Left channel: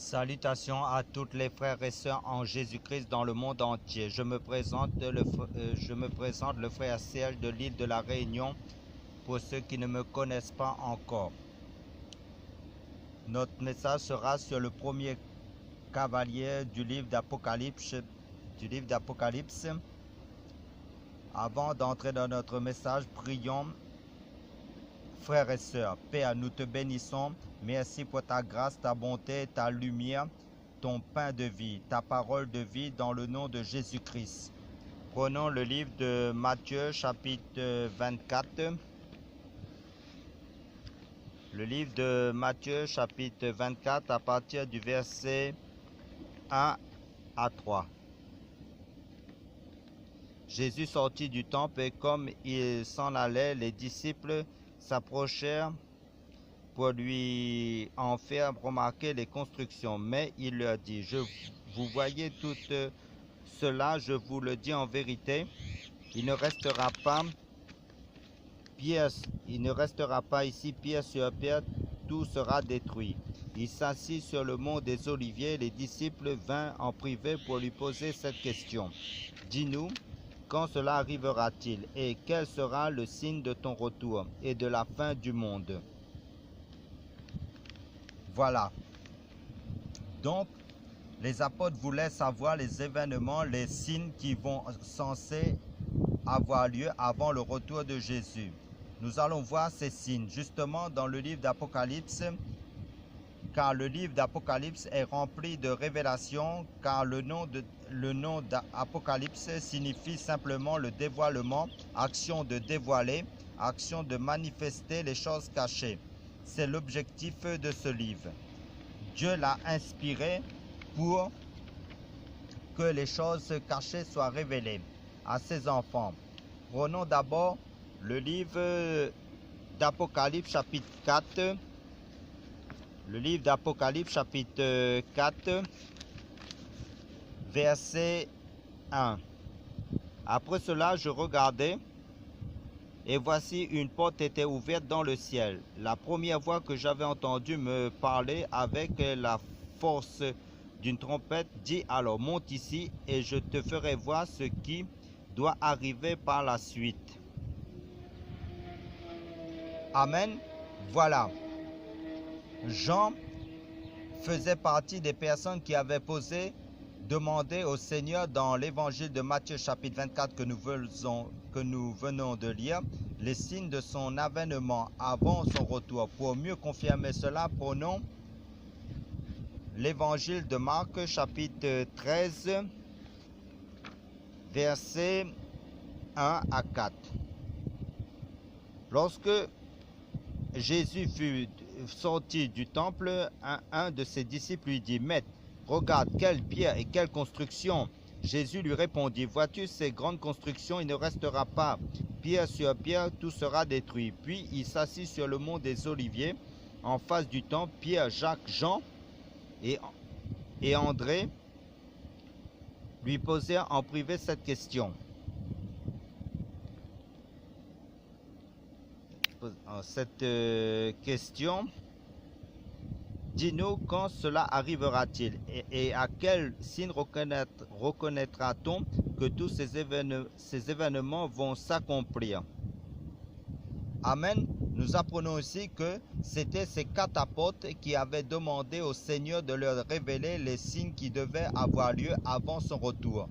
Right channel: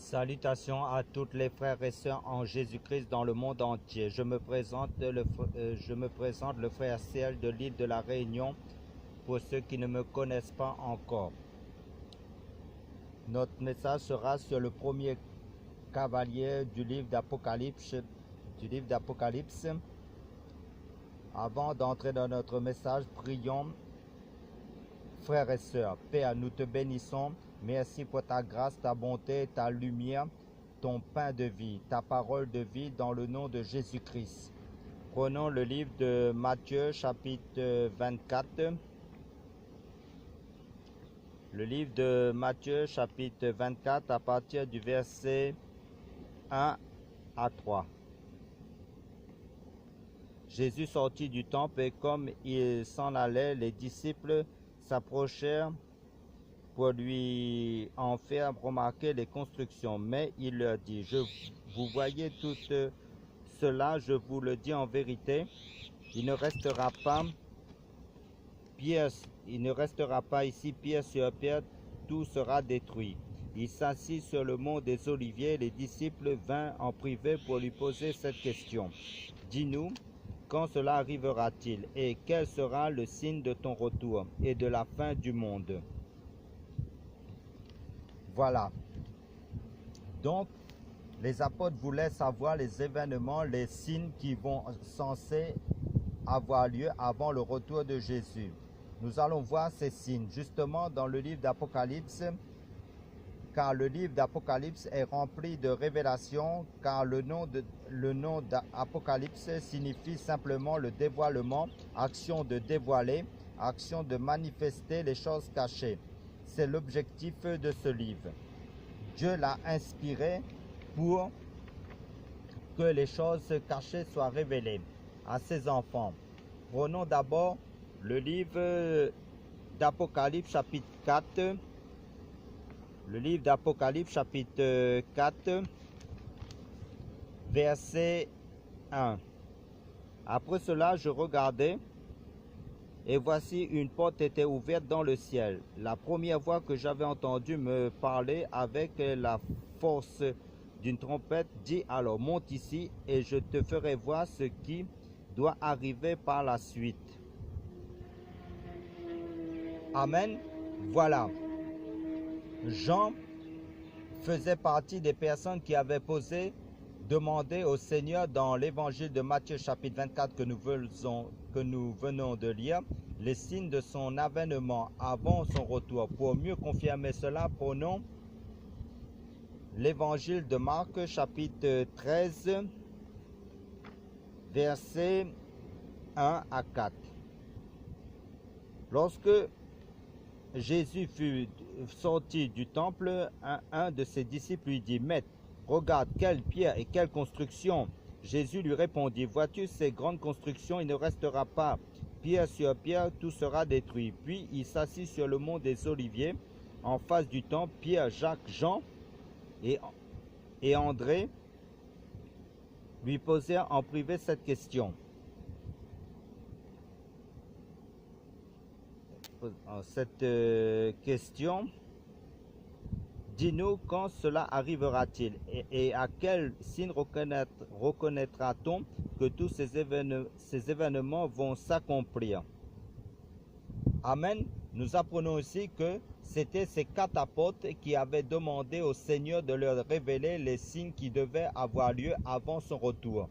Salutations à toutes les frères et sœurs en Jésus-Christ dans le monde entier. Je me présente le frère Serge de l'île de la Réunion pour ceux qui ne me connaissent pas encore. Notre message sera sur le premier cavalier du livre d'Apocalypse. Avant d'entrer dans notre message, prions. Frères et sœurs, Père, nous te bénissons. Merci pour ta grâce, ta bonté, ta lumière, ton pain de vie, ta parole de vie dans le nom de Jésus-Christ. Prenons le livre de Matthieu chapitre 24. Le livre de Matthieu chapitre 24 à partir du verset 1 à 3. Jésus sortit du temple et comme il s'en allait, les disciples s'approchèrent pour lui en faire remarquer les constructions. Mais il leur dit, vous voyez tout cela, je vous le dis en vérité, il ne restera pas ici pierre sur pierre, tout sera détruit. Il s'assit sur le mont des Oliviers, les disciples vinrent en privé pour lui poser cette question. Dis-nous, quand cela arrivera-t-il et quel sera le signe de ton retour et de la fin du monde? Voilà. Donc, les apôtres voulaient savoir les événements, les signes qui vont censés avoir lieu avant le retour de Jésus. Nous allons voir ces signes justement dans le livre d'Apocalypse, car le livre d'Apocalypse est rempli de révélations, car le nom d'Apocalypse signifie simplement le dévoilement, action de dévoiler, action de manifester les choses cachées. C'est l'objectif de ce livre. Dieu l'a inspiré pour que les choses cachées soient révélées à ses enfants. Prenons d'abord le livre d'Apocalypse chapitre 4. Le livre d'Apocalypse chapitre 4, verset 1. Après cela, je regardai, et voici une porte était ouverte dans le ciel. La première voix que j'avais entendue me parlait avec la force d'une trompette, dit alors, monte ici, et je te ferai voir ce qui doit arriver par la suite. Amen. Voilà. Jean faisait partie des personnes qui avaient demandé au Seigneur dans l'évangile de Matthieu chapitre 24 que nous venons de lire, les signes de son avènement avant son retour. Pour mieux confirmer cela, prenons l'évangile de Marc chapitre 13, versets 1 à 4. Lorsque Jésus fut sorti du temple, un de ses disciples lui dit, Maître, regarde, quelle pierre et quelle construction. Jésus lui répondit, vois-tu ces grandes constructions, il ne restera pas pierre sur pierre, tout sera détruit. Puis il s'assit sur le mont des Oliviers, en face du temple. Pierre, Jacques, Jean et André lui posèrent en privé cette question. Dis-nous quand cela arrivera-t-il et à quel signe reconnaîtra-t-on que tous ces événements vont s'accomplir? Amen. Nous apprenons aussi que c'était ces 4 apôtres qui avaient demandé au Seigneur de leur révéler les signes qui devaient avoir lieu avant son retour.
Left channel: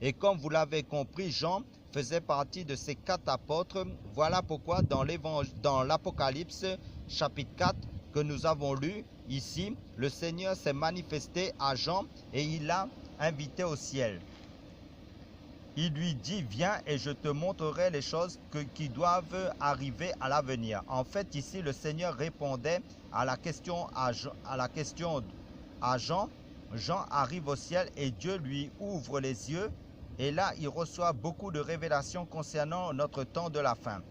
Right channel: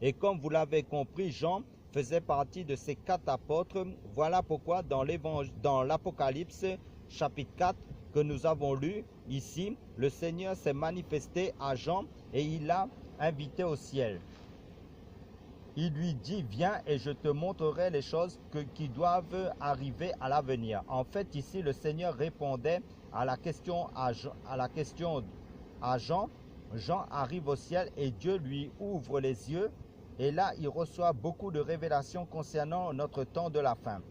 Et comme vous l'avez compris, Jean faisait partie de ces 4 apôtres. Voilà pourquoi dans l'Apocalypse chapitre 4 que nous avons lu ici, le Seigneur s'est manifesté à Jean et il l'a invité au ciel. Il lui dit, viens et je te montrerai les choses qui doivent arriver à l'avenir. En fait, ici, le Seigneur répondait à la question à Jean. Jean arrive au ciel et Dieu lui ouvre les yeux. Et là, il reçoit beaucoup de révélations concernant notre temps de la fin,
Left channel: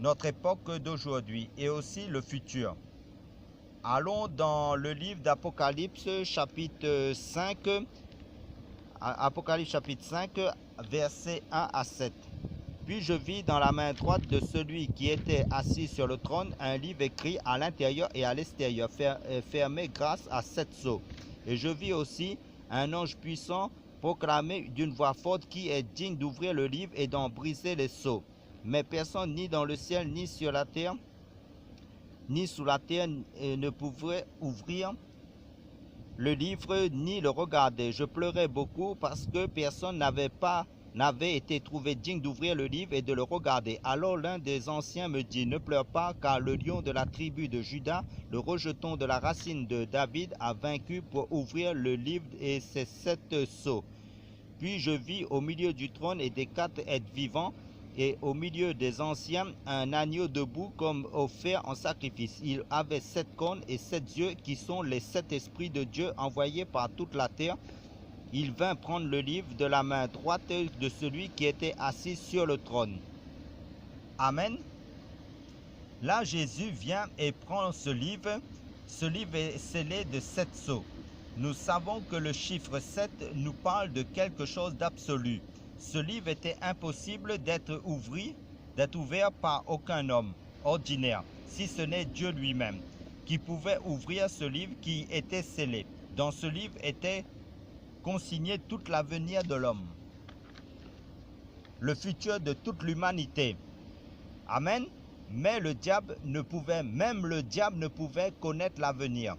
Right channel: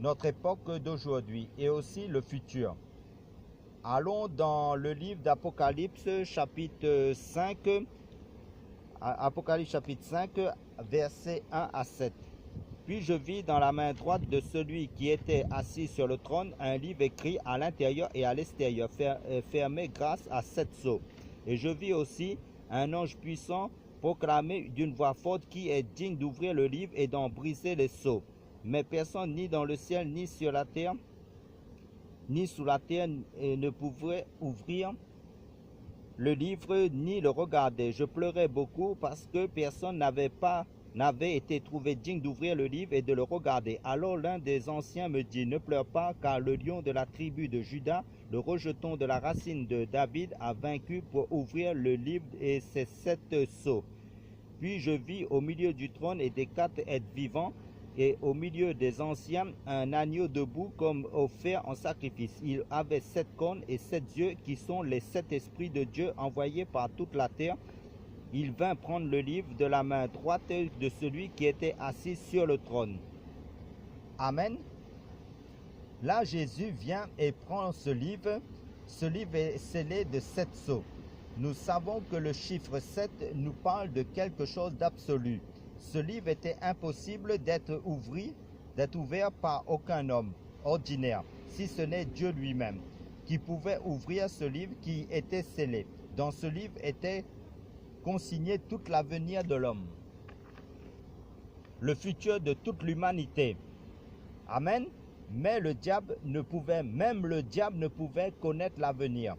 notre époque d'aujourd'hui et aussi le futur. Allons dans le livre d'Apocalypse chapitre 5, Apocalypse chapitre 5, versets 1 à 7. Puis je vis dans la main droite de celui qui était assis sur le trône un livre écrit à l'intérieur et à l'extérieur, fermé grâce à 7 sceaux. Et je vis aussi un ange puissant proclamer d'une voix forte qui est digne d'ouvrir le livre et d'en briser les sceaux. Mais personne, ni dans le ciel, ni sur la terre, ni sous la terre, ne pouvait ouvrir le livre ni le regarder. Je pleurais beaucoup parce que personne n'avait été trouvé digne d'ouvrir le livre et de le regarder. Alors l'un des anciens me dit, ne pleure pas, car le lion de la tribu de Juda, le rejeton de la racine de David, a vaincu pour ouvrir le livre et ses 7 sceaux. Puis je vis au milieu du trône et des 4 êtres vivants, et au milieu des anciens, un agneau debout comme offert en sacrifice. Il avait 7 cornes et 7 yeux, qui sont les 7 esprits de Dieu envoyés par toute la terre. Il vint prendre le livre de la main droite de celui qui était assis sur le trône. Amen. Là, Jésus vient et prend ce livre. Ce livre est scellé de 7 sceaux. Nous savons que le chiffre 7 nous parle de quelque chose d'absolu. Ce livre était impossible d'être ouvert par aucun homme ordinaire, si ce n'est Dieu lui-même, qui pouvait ouvrir ce livre qui était scellé. Dans ce livre était consigné tout l'avenir de l'homme, le futur de toute l'humanité. Amen. Mais même le diable ne pouvait connaître l'avenir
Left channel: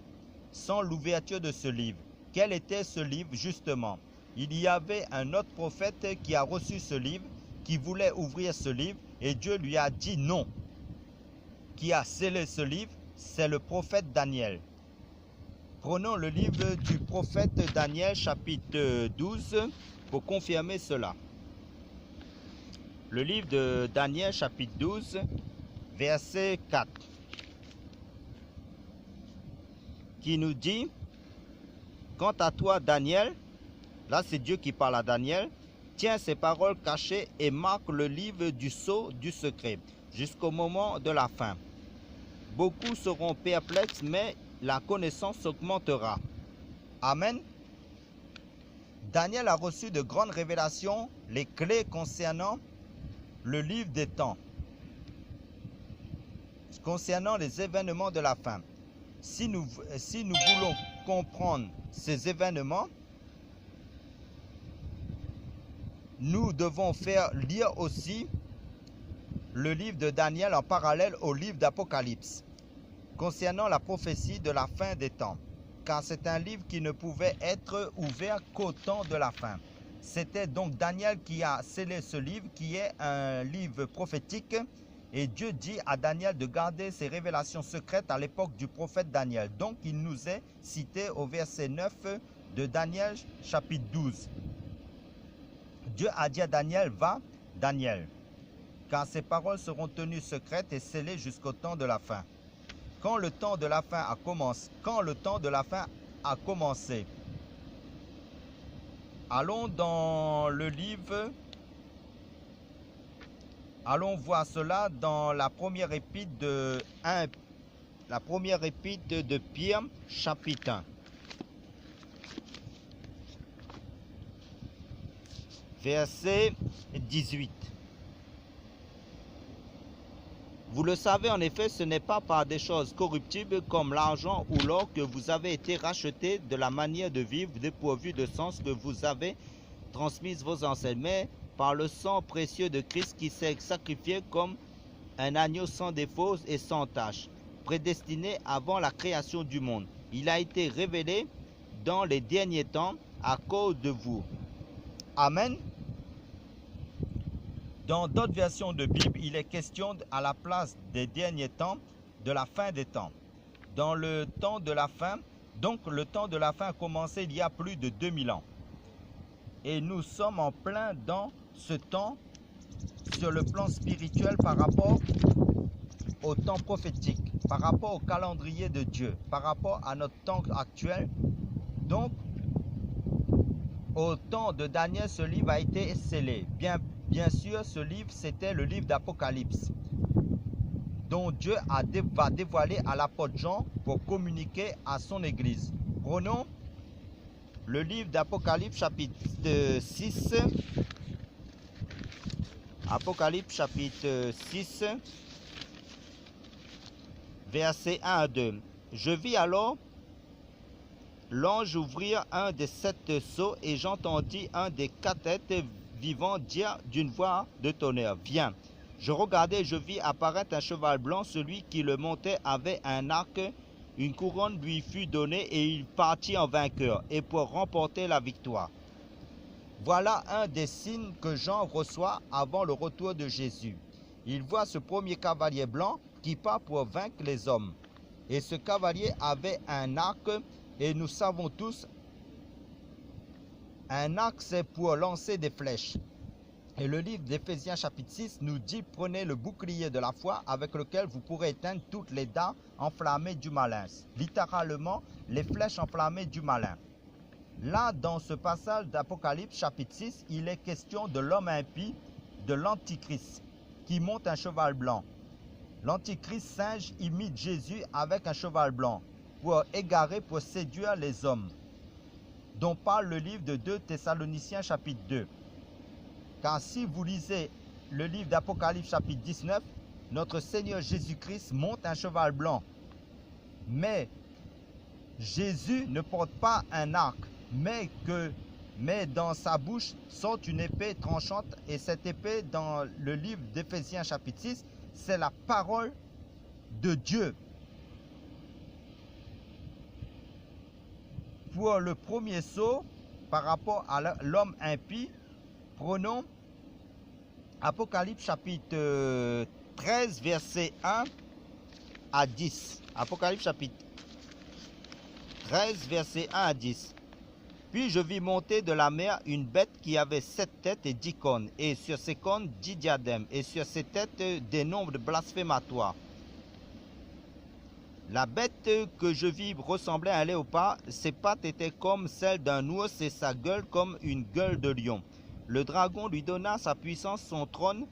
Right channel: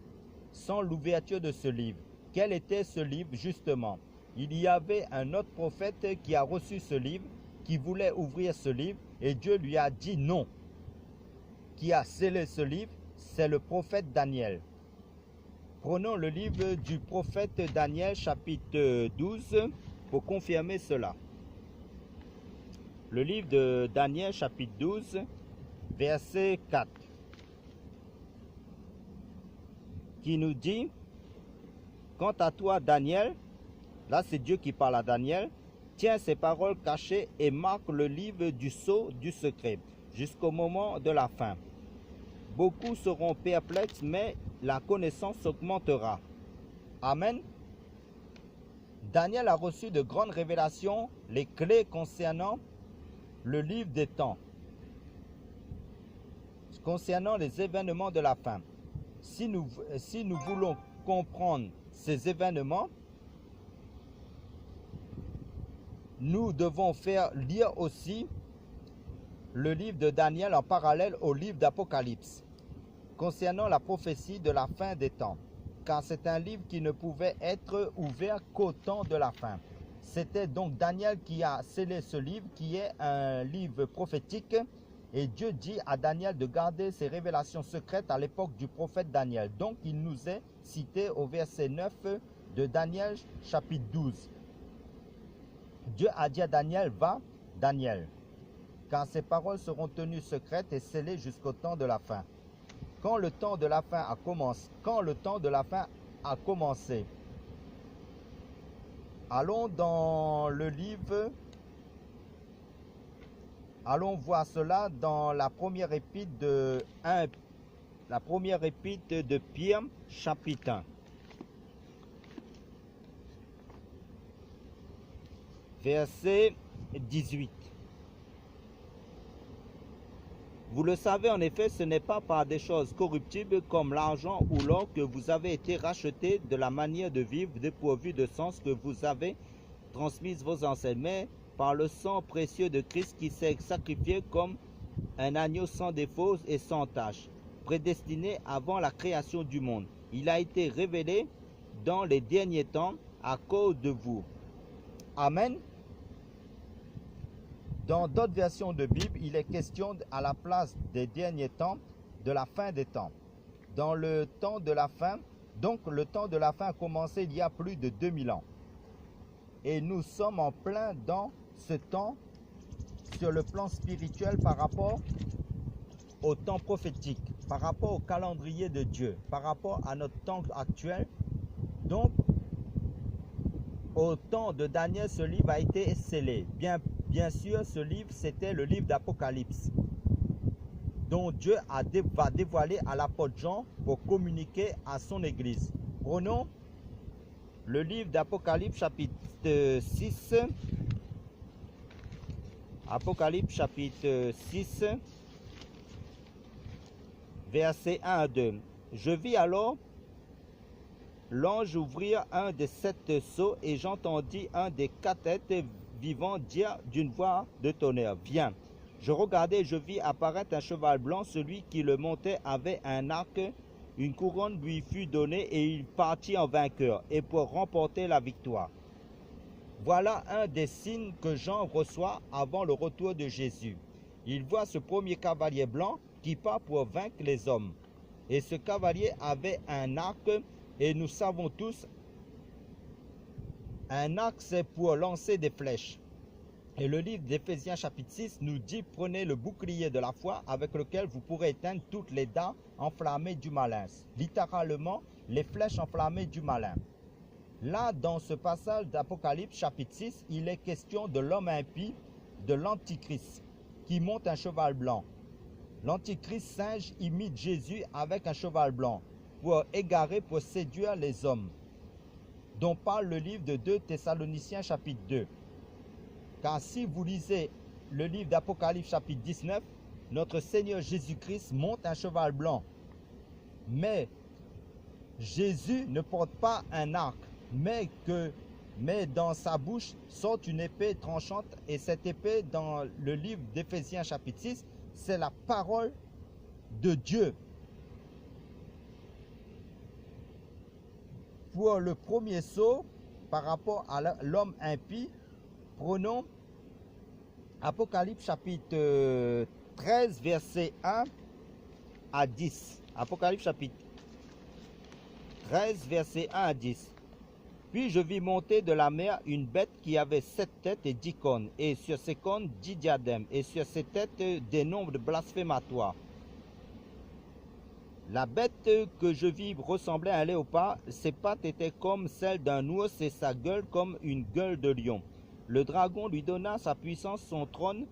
sans l'ouverture de ce livre. Quel était ce livre justement? Il y avait un autre prophète qui a reçu ce livre, qui voulait ouvrir ce livre, et Dieu lui a dit non. Qui a scellé ce livre? C'est le prophète Daniel. Prenons le livre du prophète Daniel, chapitre 12, pour confirmer cela. Le livre de Daniel, chapitre 12, verset 4, qui nous dit, « Quant à toi, Daniel, » là c'est Dieu qui parle à Daniel, « tiens ces paroles cachées et marque le livre du sceau du secret, jusqu'au moment de la fin. Beaucoup seront perplexes, mais la connaissance augmentera. » Amen. Daniel a reçu de grandes révélations, les clés concernant le livre des temps, concernant les événements de la fin. Si nous voulons comprendre ces événements, nous devons faire lire aussi le livre de Daniel en parallèle au livre d'Apocalypse, concernant la prophétie de la fin des temps, car c'est un livre qui ne pouvait être ouvert qu'au temps de la fin. C'était donc Daniel qui a scellé ce livre, qui est un livre prophétique, et Dieu dit à Daniel de garder ses révélations secrètes à l'époque du prophète Daniel. Donc il nous est cité au verset 9 de Daniel chapitre 12. Dieu a dit à Daniel, va, Daniel, car ces paroles seront tenues secrètes et scellées jusqu'au temps de la fin. Quand le temps de la fin a commencé, allons dans le livre, allons voir cela dans la première épître de Pierre, chapitre 1. Verset 18. Vous le savez, en effet, ce n'est pas par des choses corruptibles comme l'argent ou l'or que vous avez été rachetés de la manière de vivre dépourvue de sens que vous avez transmise vos ancêtres, mais par le sang précieux de Christ qui s'est sacrifié comme un agneau sans défaut et sans tache, prédestiné avant la création du monde. Il a été révélé dans les derniers temps à cause de vous. Amen. Dans d'autres versions de Bible, il est question à la place des derniers temps, de la fin des temps. Dans le temps de la fin, donc le temps de la fin a commencé il y a plus de 2000 ans. Et nous sommes en plein dans ce temps sur le plan spirituel par rapport au temps prophétique, par rapport au calendrier de Dieu, par rapport à notre temps actuel. Donc, au temps de Daniel, ce livre a été scellé. Bien sûr, ce livre, c'était le livre d'Apocalypse, dont Dieu va dévoiler à l'apôtre Jean pour communiquer à son Église. Prenons le livre d'Apocalypse, chapitre 6. Apocalypse, chapitre 6, versets 1 à 2. Je vis alors l'ange ouvrit un des 7 sceaux et j'entendis un des 4 êtres vivants dire d'une voix de tonnerre, « Viens !» Je regardai et je vis apparaître un cheval blanc. Celui qui le montait avait un arc. Une couronne lui fut donnée et il partit en vainqueur et pour remporter la victoire. Voilà un des signes que Jean reçoit avant le retour de Jésus. Il voit ce premier cavalier blanc qui part pour vaincre les hommes. Et ce cavalier avait un arc, et nous savons tous, un arc c'est pour lancer des flèches. Et le livre d'Éphésiens chapitre 6 nous dit, prenez le bouclier de la foi avec lequel vous pourrez éteindre toutes les dards enflammés du malin. Littéralement, les flèches enflammées du malin. Là, dans ce passage d'Apocalypse chapitre 6, il est question de l'homme impie, de l'Antichrist, qui monte un cheval blanc. L'Antichrist singe imite Jésus avec un cheval blanc, pour égarer, pour séduire les hommes, dont parle le livre de 2 Thessaloniciens chapitre 2. Car si vous lisez le livre d'Apocalypse chapitre 19, notre Seigneur Jésus-Christ monte un cheval blanc. Mais Jésus ne porte pas un arc, mais dans sa bouche sort une épée tranchante. Et cette épée, dans le livre d'Éphésiens chapitre 6, c'est la parole de Dieu. Pour le premier sceau, par rapport à l'homme impie, prenons Apocalypse chapitre 13, verset 1 à 10. Apocalypse chapitre 13, verset 1 à 10. Puis je vis monter de la mer une bête qui avait 7 têtes et 10 cornes, et sur ses cornes 10 diadèmes, et sur ses têtes des noms de blasphématoires. La bête que je vis ressemblait à un léopard, ses pattes étaient comme celles d'un ours et sa gueule comme une gueule de lion. Le dragon lui donna sa puissance, son trône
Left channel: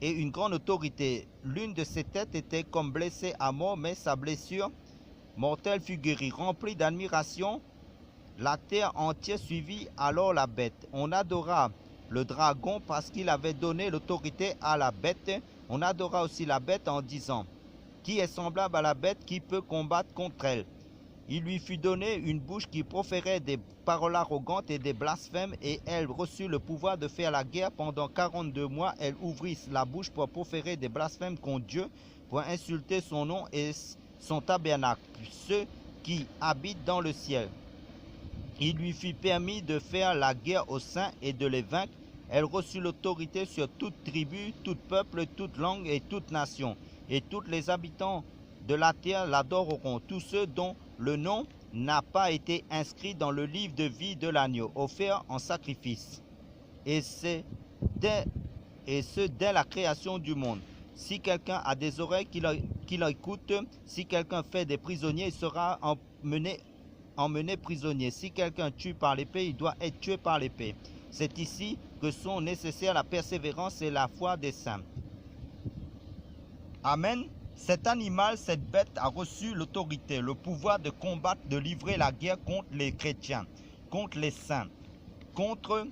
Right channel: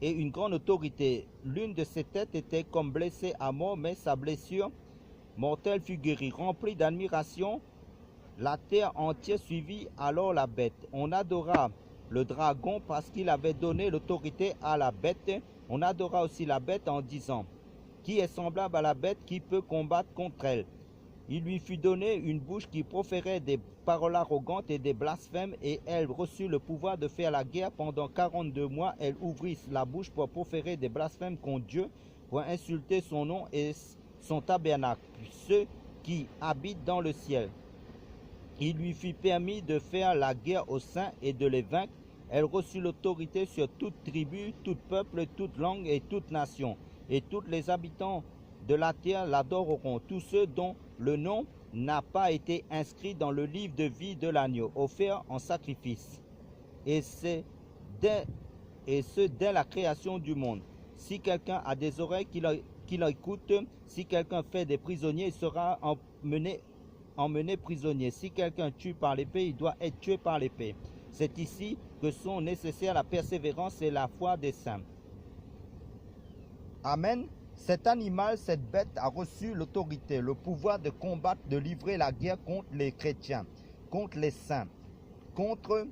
et une grande autorité. L'une de ses têtes était comme blessée à mort, mais sa blessure mortelle fut guérie. Remplie d'admiration, la terre entière suivit alors la bête. On adora le dragon parce qu'il avait donné l'autorité à la bête. On adora aussi la bête en disant, « Qui est semblable à la bête, qui peut combattre contre elle ?» Il lui fut donné une bouche qui proférait des paroles arrogantes et des blasphèmes, et elle reçut le pouvoir de faire la guerre. Pendant 42 mois, elle ouvrit la bouche pour proférer des blasphèmes contre Dieu, pour insulter son nom et son tabernacle, ceux qui habitent dans le ciel. Il lui fut permis de faire la guerre aux saints et de les vaincre. Elle reçut l'autorité sur toute tribu, tout peuple, toute langue et toute nation. Et tous les habitants de la terre l'adoreront, tous ceux dont le nom n'a pas été inscrit dans le livre de vie de l'agneau, offert en sacrifice. Et ce dès la création du monde. Si quelqu'un a des oreilles, qu'il écoute. Si quelqu'un fait des prisonniers, il sera emmené prisonnier. Si quelqu'un tue par l'épée, il doit être tué par l'épée. C'est ici que sont nécessaires la persévérance et la foi des saints. Amen. Cet animal, cette bête a reçu l'autorité, le pouvoir de combattre, de livrer la guerre contre les chrétiens, contre les saints, contre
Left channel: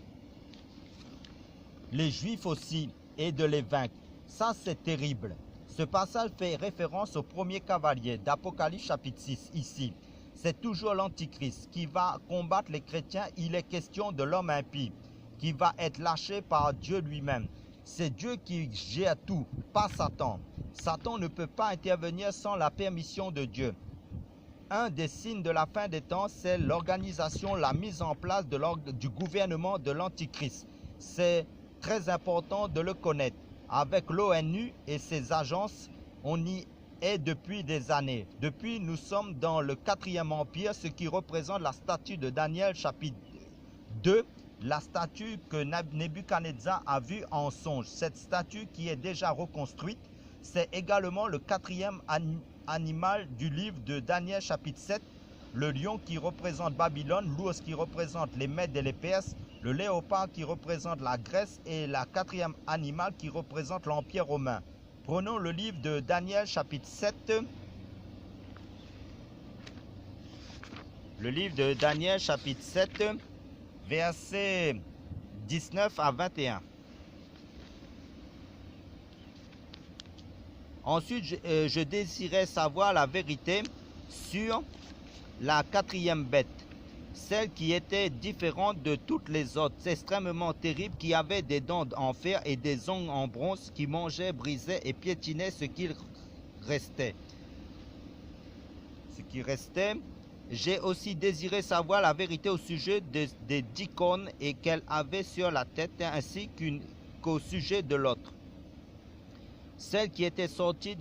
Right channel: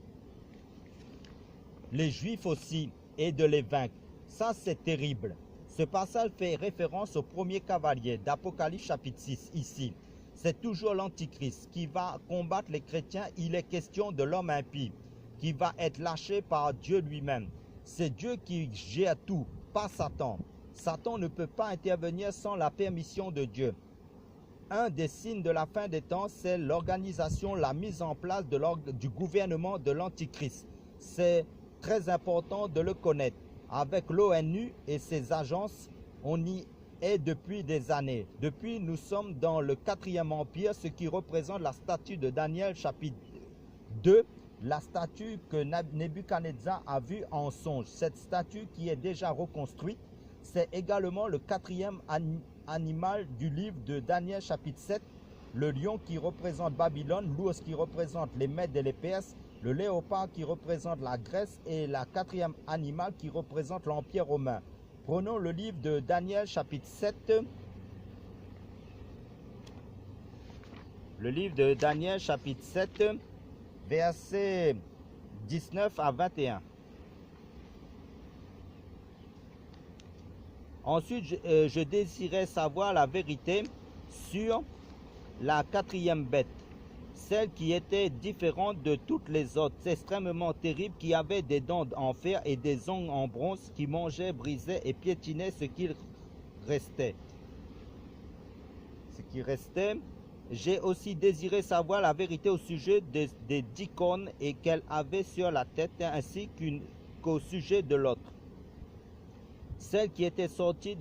les juifs aussi, et de les vaincre. Ça, c'est terrible. Ce passage fait référence au premier cavalier d'Apocalypse chapitre 6, ici. C'est toujours l'Antichrist qui va combattre les chrétiens. Il est question de l'homme impie qui va être lâché par Dieu lui-même. C'est Dieu qui gère tout, pas Satan. Satan ne peut pas intervenir sans la permission de Dieu. Un des signes de la fin des temps, c'est l'organisation, la mise en place du gouvernement de l'Antichrist. C'est très important de le connaître. Avec l'ONU et ses agences, on y est depuis des années. Depuis, nous sommes dans le 4e empire, ce qui représente la statue de Daniel chapitre 2, la statue que Nebuchadnezzar a vue en songe. Cette statue qui est déjà reconstruite, c'est également le 4e animal du livre de Daniel chapitre 7, le lion qui représente Babylone, l'ours qui représente les Mèdes et les Perses, le léopard qui représente la Grèce et la 4e animal qui représente l'Empire romain. Prenons le livre de Daniel chapitre 7. Le livre de Daniel chapitre 7, versets 19 à 21. Ensuite, je désirais savoir la vérité sur la quatrième bête, celle qui était différente de toutes les autres, extrêmement terrible, qui avait des dents en fer et des ongles en bronze, qui mangeait, brisait et piétinait ce qui restait. J'ai aussi désiré savoir la vérité au sujet des 10 cornes et qu'elle avait sur la tête, ainsi qu'au sujet de l'autre, celle qui était sortie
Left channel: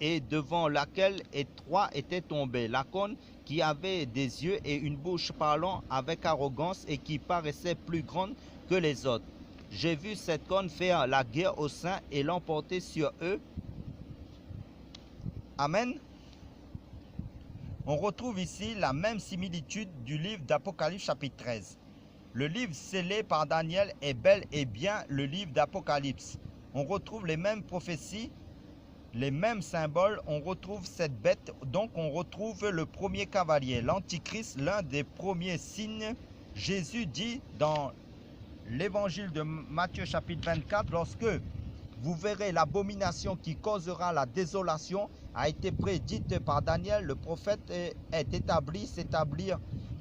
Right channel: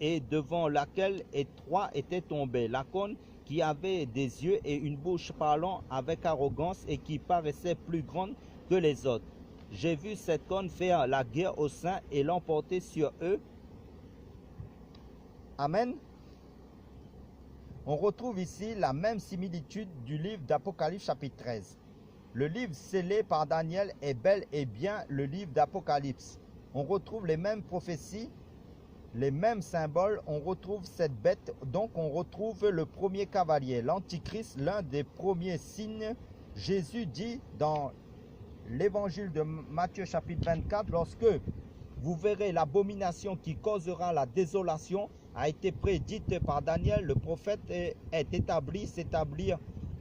et devant laquelle trois étaient tombés. La corne qui avait des yeux et une bouche parlant avec arrogance et qui paraissait plus grande que les autres. J'ai vu cette corne faire la guerre aux saints et l'emporter sur eux. Amen. On retrouve ici la même similitude du livre d'Apocalypse chapitre 13. Le livre scellé par Daniel est bel et bien le livre d'Apocalypse. On retrouve les mêmes prophéties, les mêmes symboles, on retrouve cette bête, donc on retrouve le premier cavalier, l'Antichrist, l'un des premiers signes. Jésus dit dans l'évangile de Matthieu chapitre 24, lorsque vous verrez l'abomination qui causera la désolation, a été prédite par Daniel, le prophète s'établir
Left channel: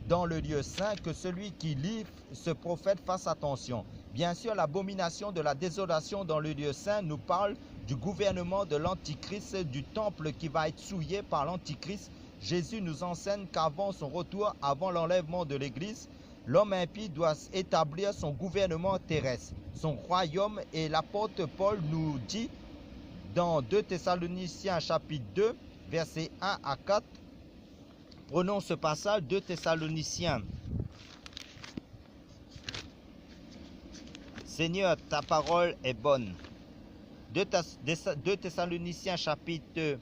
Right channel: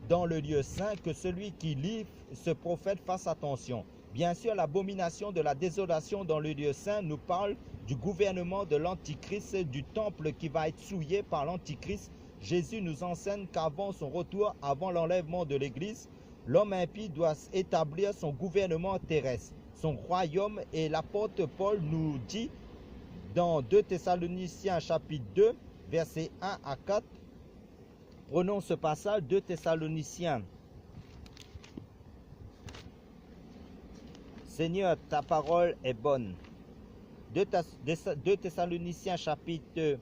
dans le lieu saint, que celui qui lit ce prophète fasse attention. Bien sûr, l'abomination de la désolation dans le lieu saint nous parle du gouvernement de l'Antichrist, du temple qui va être souillé par l'Antichrist. Jésus nous enseigne qu'avant son retour, avant l'enlèvement de l'Église, l'homme impie doit établir son gouvernement terrestre, son royaume, et l'apôtre Paul nous dit dans 2 Thessaloniciens chapitre 2, versets 1 à 4, prenons ce passage, 2 Thessaloniciens. Seigneur, ta parole est bonne. 2 Thessaloniciens chapitre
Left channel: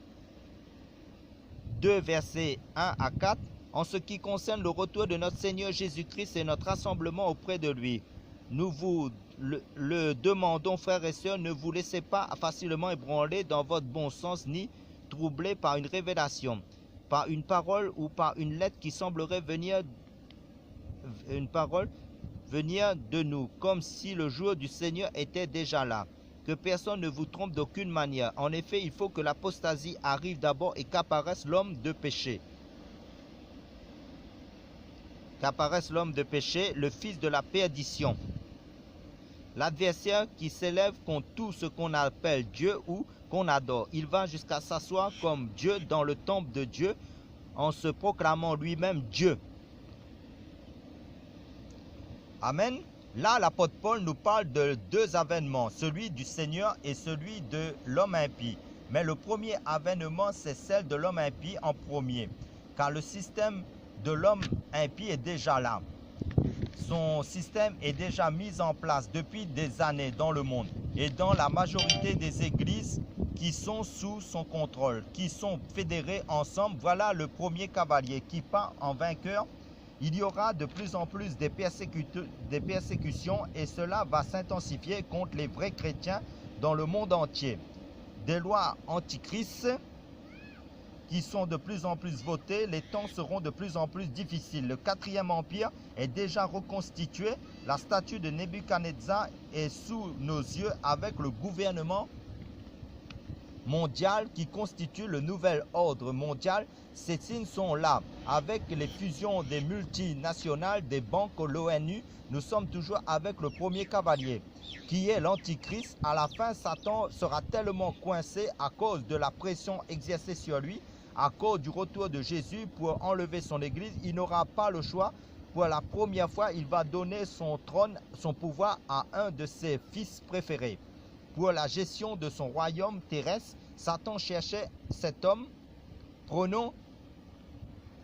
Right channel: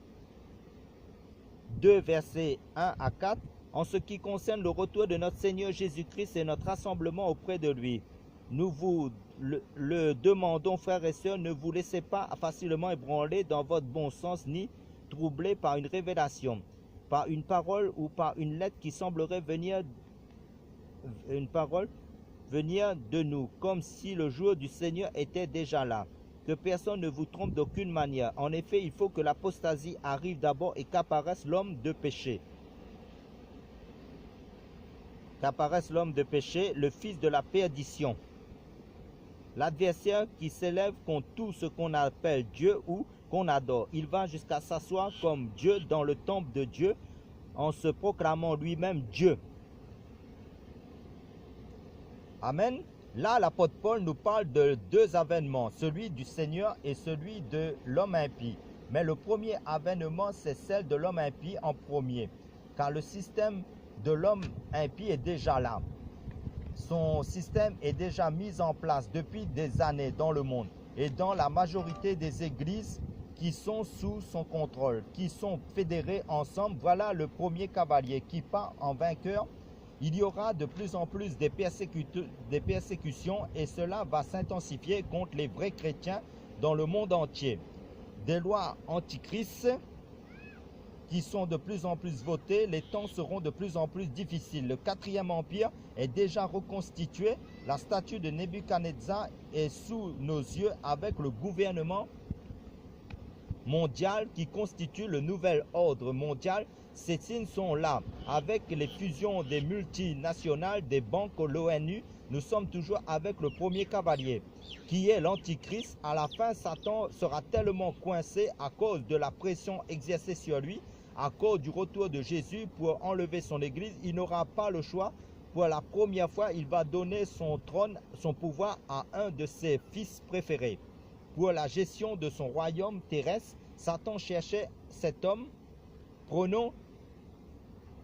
2, versets 1 à 4. En ce qui concerne le retour de notre Seigneur Jésus-Christ et notre rassemblement auprès de lui, nous vous le demandons, frères et sœurs, ne vous laissez pas facilement ébranler dans votre bon sens, ni troubler par une révélation, par une parole ou par une lettre qui semblerait venir de nous, comme si le jour du Seigneur était déjà là. Que personne ne vous trompe d'aucune manière. En effet, il faut que l'apostasie arrive d'abord et qu'apparaisse l'homme de péché. Le fils de la perdition. L'adversaire qui s'élève contre tout ce qu'on appelle Dieu ou qu'on adore. Il va jusqu'à s'asseoir comme Dieu dans le temple de Dieu en se proclamant lui-même Dieu. Amen. Là, l'apôtre Paul nous parle de deux avènements, celui du Seigneur et celui de l'homme impie. Mais le premier avènement, c'est celle de l'homme impie en premier, car le système de l'homme impie est déjà là. Son système est déjà mis en place depuis des années dans le monde et dans la majorité des églises qui sont sous son contrôle, qui sont fédérées ensemble. Voilà le premier cavalier qui part en vainqueur. Il y aura de plus en plus des persécutions et cela va s'intensifier contre les vrais chrétiens dans le monde entier. Des lois antichristes qui sont de plus en plus votées, les temps seront de plus en plus difficiles. Le quatrième empire est déjà reconstitué. La statue de Nebuchadnezzar est sous nos yeux avec le gouvernement mondial qui constitue le nouvel ordre mondial. Ces signes sont là. Avec les fusions des multinationales, des banques, l'ONU, nous sommes toujours avec le premier cavalier, qui est l'Antichrist. À la fin, Satan sera tellement coincé à cause de la pression exercée sur lui, à cause du retour de Jésus pour enlever son église. Il n'aura pas le choix. Pour la première fois, il va donner son trône, son pouvoir à un de ses fils préférés. Pour la gestion de son royaume terrestre, Satan cherchait cet homme. Prenons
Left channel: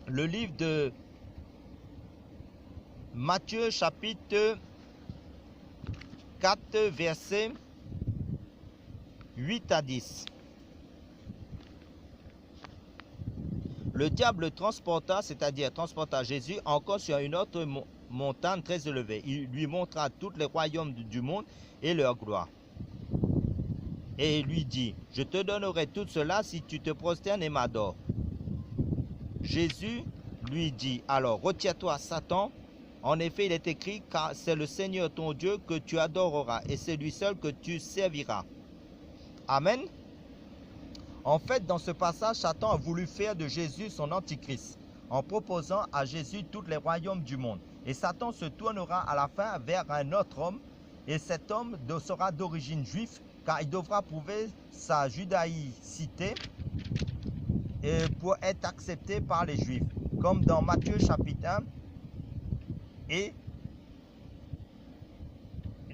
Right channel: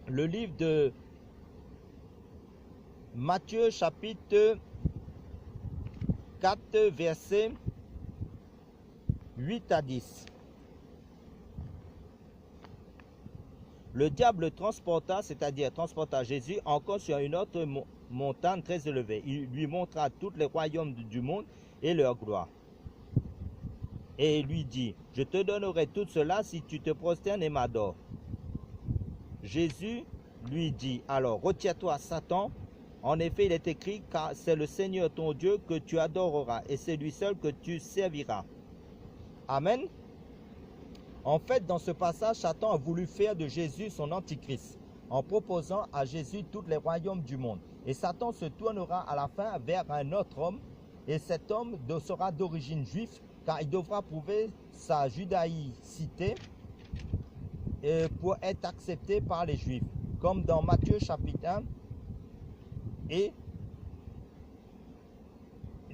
le livre de Matthieu chapitre 4, versets 8 à 10. Le diable transporta Jésus encore sur une autre montagne très élevée. Il lui montra tous les royaumes du monde et leur gloire. Et il lui dit, je te donnerai tout cela si tu te prosternes et m'adores. Jésus lui dit, alors retire-toi Satan, en effet il est écrit, car c'est le Seigneur ton Dieu que tu adoreras et c'est lui seul que tu serviras. Amen. En fait, dans ce passage, Satan a voulu faire de Jésus son antichrist. en proposant à Jésus tous les royaumes du monde. Et Satan se tournera à la fin vers un autre homme, et cet homme sera d'origine juive, car il devra prouver sa judaïcité pour être accepté par les Juifs, comme dans Matthieu chapitre 1 et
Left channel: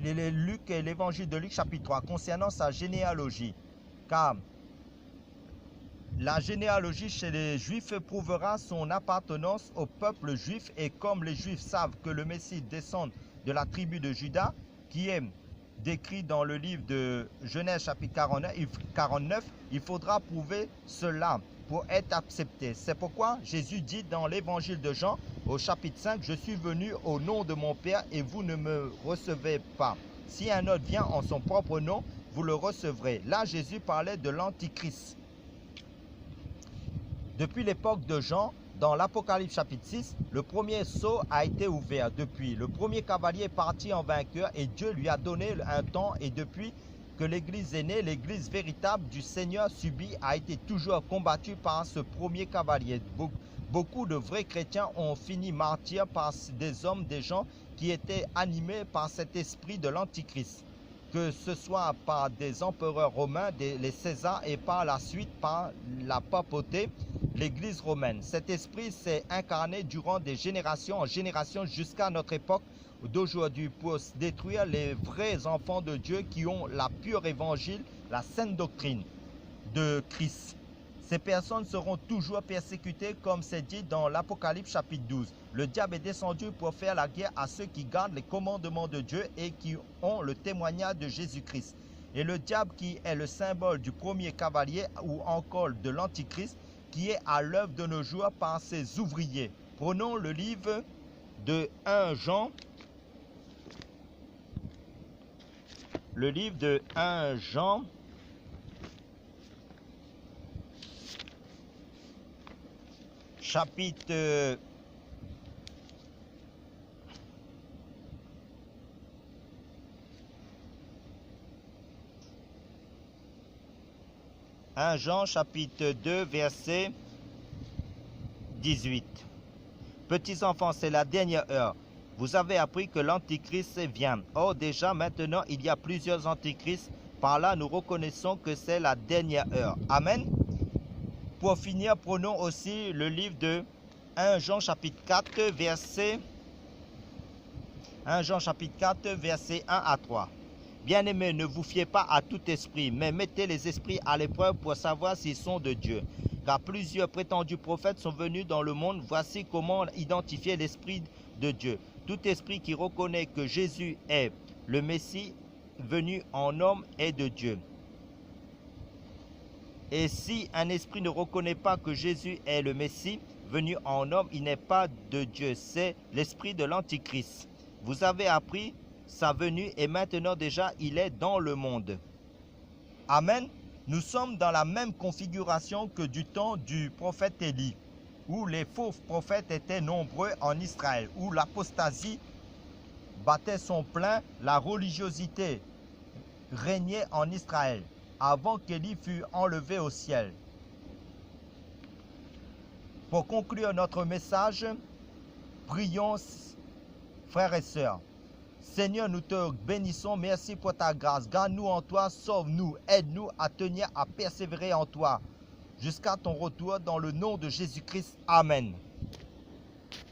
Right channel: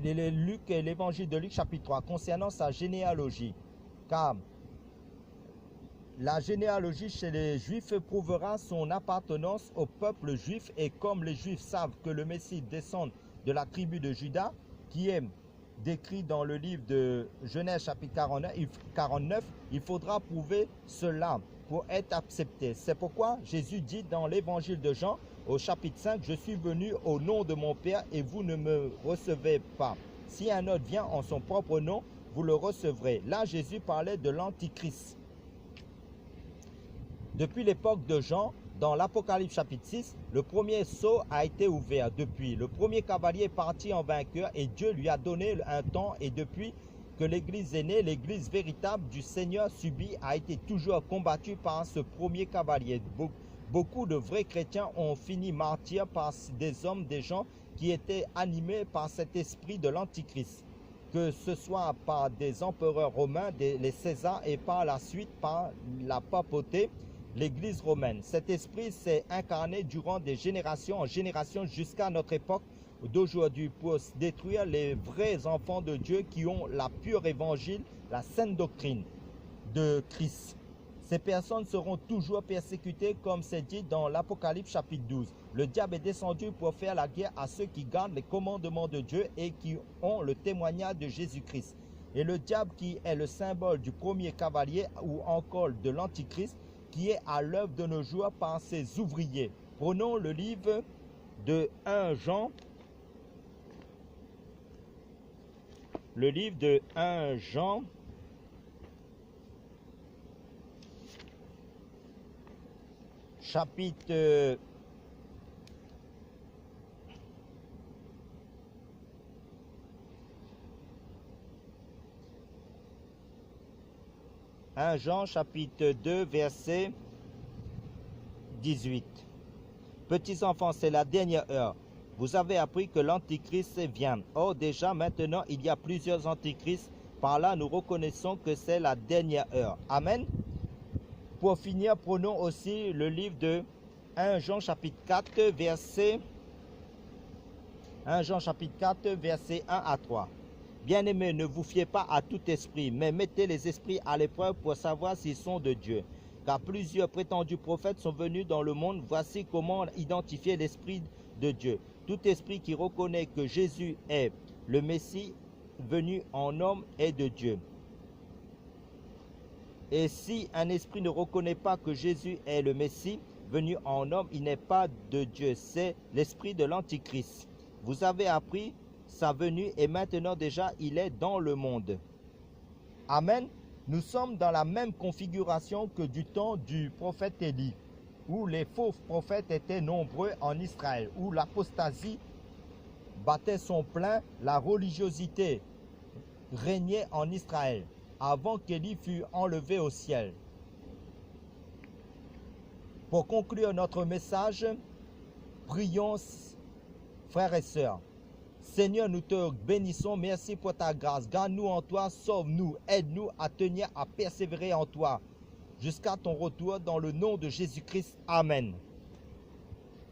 l'évangile de Luc chapitre 3, concernant sa généalogie. Car la généalogie chez les Juifs prouvera son appartenance au peuple juif, et comme les Juifs savent que le Messie descend de la tribu de Juda, qui est décrit dans le livre de Genèse chapitre 49, il faudra prouver cela pour être accepté. C'est pourquoi Jésus dit dans l'évangile de Jean au chapitre 5, « Je suis venu au nom de mon Père et vous ne me recevez pas. Si un autre vient en son propre nom, vous le recevrez. » Là, Jésus parlait de l'Antichrist. Depuis l'époque de Jean, dans l'Apocalypse chapitre 6, le premier sceau a été ouvert. Depuis, le premier cavalier est parti en vainqueur et Dieu lui a donné un temps, et depuis que l'Église est née, l'Église véritable du Seigneur subit a été toujours combattue par ce premier cavalier. Beaucoup de vrais chrétiens ont fini martyrs par des hommes, des gens qui étaient animés par cet esprit de l'Antichrist, que ce soit par des empereurs romains, les Césars, et par la suite par la papauté, l'Église romaine. Cet esprit s'est incarné durant des générations en générations jusqu'à notre époque d'aujourd'hui pour détruire les vrais enfants de Dieu qui ont la pure évangile, la sainte doctrine de Christ. Ces personnes seront toujours persécutées, comme c'est dit dans l'Apocalypse chapitre 12. Le diable est descendu pour faire la guerre à ceux qui gardent les commandements de Dieu et qui ont le témoignage de Jésus-Christ. Et le diable, qui est le symbole du premier cavalier ou encore de l'Antichrist, qui est à l'œuvre de nos jours par ses ouvriers. Prenons le livre de 1 Jean. Le livre de 1 Jean. Chapitre 1 Jean chapitre 2 verset 18. Petits enfants, c'est la dernière heure. Vous avez appris que l'Antichrist vient. Or déjà maintenant il y a plusieurs antichrists. Par là nous reconnaissons que c'est la dernière heure. Amen. Pour finir, prenons aussi le livre de 1 Jean chapitre 4 verset 1 Jean chapitre 4 verset 1 à 3. Bien-aimés, ne vous fiez pas à tout esprit, mais mettez les esprits à l'épreuve pour savoir s'ils sont de Dieu. Car plusieurs prétendus prophètes sont venus dans le monde. Voici comment identifier l'esprit de Dieu. Tout esprit qui reconnaît que Jésus est le Messie venu en homme est de Dieu. Et si un esprit ne reconnaît pas que Jésus est le Messie venu en homme, il n'est pas de Dieu. C'est l'esprit de l'Antichrist. Vous avez appris sa venue et maintenant déjà il est dans le monde. Amen. Nous sommes dans la même configuration que du temps du prophète Élie, où les faux prophètes étaient nombreux en Israël, où l'apostasie battait son plein, la religiosité régnait en Israël, avant qu'Élie fût enlevé au ciel. Pour conclure notre message, prions, frères et sœurs. Seigneur, nous te bénissons, merci pour ta grâce. Garde-nous en toi, sauve-nous, aide-nous à tenir, à persévérer en toi, jusqu'à ton retour dans le nom de Jésus-Christ. Amen.